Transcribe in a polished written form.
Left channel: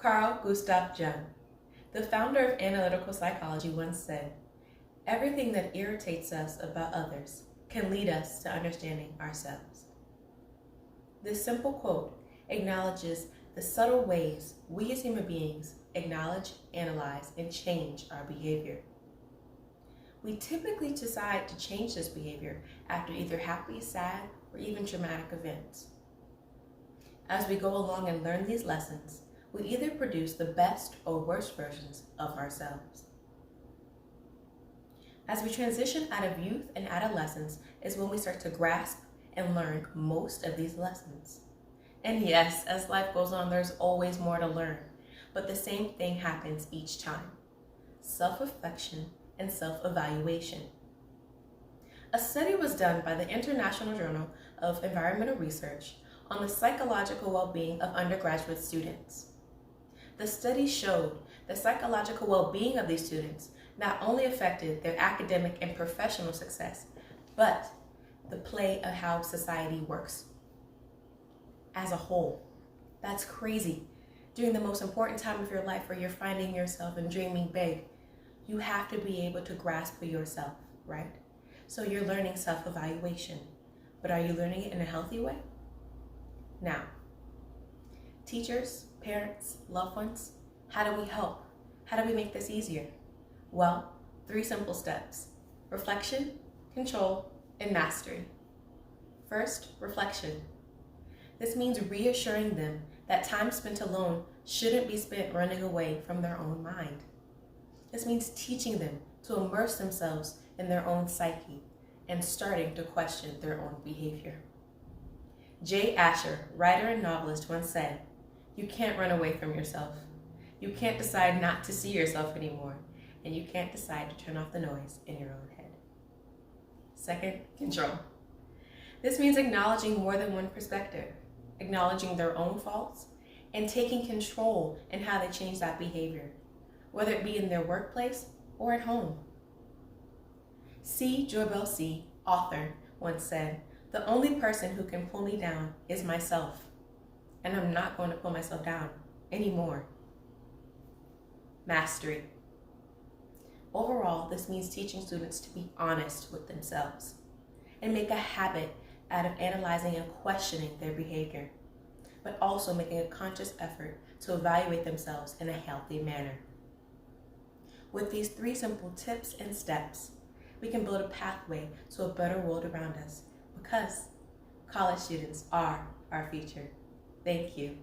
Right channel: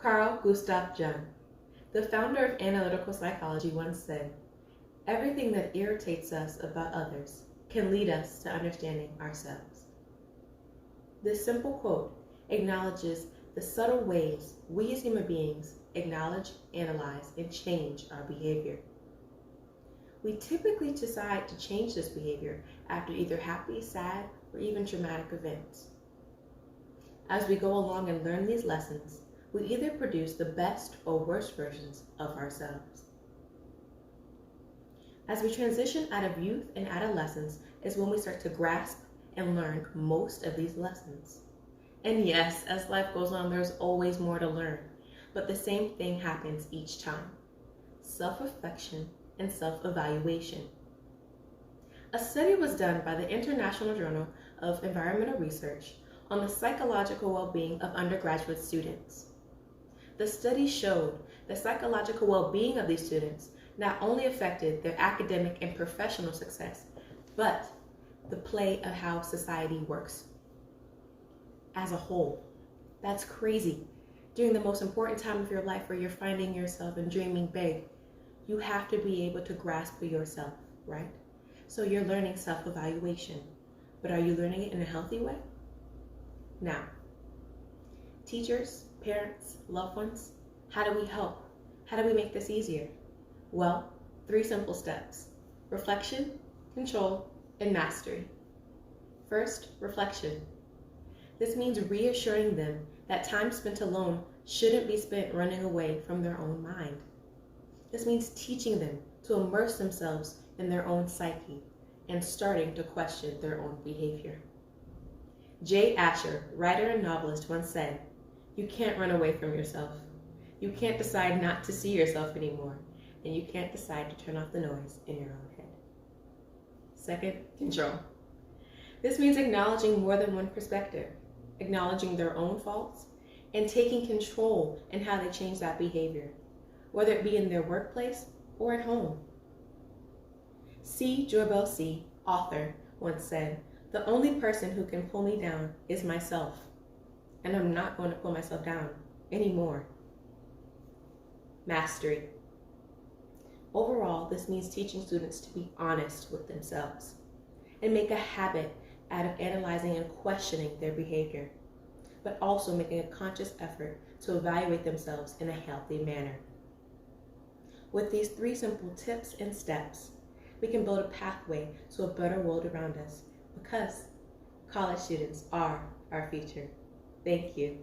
Carl Gustav Jung, the founder of analytical psychology, once said, "Everything that irritates us about others can lead us to understanding ourselves." This simple quote acknowledges the subtle ways we as human beings acknowledge, analyze, and change our behavior. We typically decide to change this behavior after either happy, sad, or even traumatic events. As we go along and learn these lessons, we either produce the best or worst versions of ourselves. As we transition out of youth and adolescence is when we start to grasp and learn most of these lessons. And yes, as life goes on, there's always more to learn, but the same thing happens each time: self-reflection and self-evaluation. A study was done by the International Journal of Environmental Research on the psychological well-being of undergraduate students. The study showed the psychological well-being of these students not only affected their academic and professional success, but the play of how society works as a whole. That's crazy. During the most important time of your life where you're finding yourself and dreaming big, you have to be able to grasp for yourself, right? So you're learning self-evaluation, but are you learning it in a healthy way? Now, teachers, parents, loved ones, how do we help? How do we make this easier? Well, 3 simple steps: reflection, control, and mastery. First, reflection. This means reassuring them that time spent alone shouldn't be spent running away from their own mind. This means teaching them to immerse themselves in their own psyche and starting to question their own behavior. Jay Asher, writer and novelist, once said, "You can't run away from yourself. You can't decide not to see yourself anymore, and you can't decide to turn off the noise in your own head." Second, control. This means acknowledging more than one perspective, acknowledging their own faults, and taking control in how they change that behavior, whether it be in their workplace or at home. C. Joybell C., author, once said, "The only person who can pull me down is myself, and I'm not going to pull myself down anymore." Mastery. Overall, this means teaching students to be honest with themselves and make a habit out of analyzing and questioning their behavior, but also making a conscious effort to evaluate themselves in a healthy manner. With these 3 simple tips and steps, we can build a pathway to a better world around us, because college students are our future. Thank you.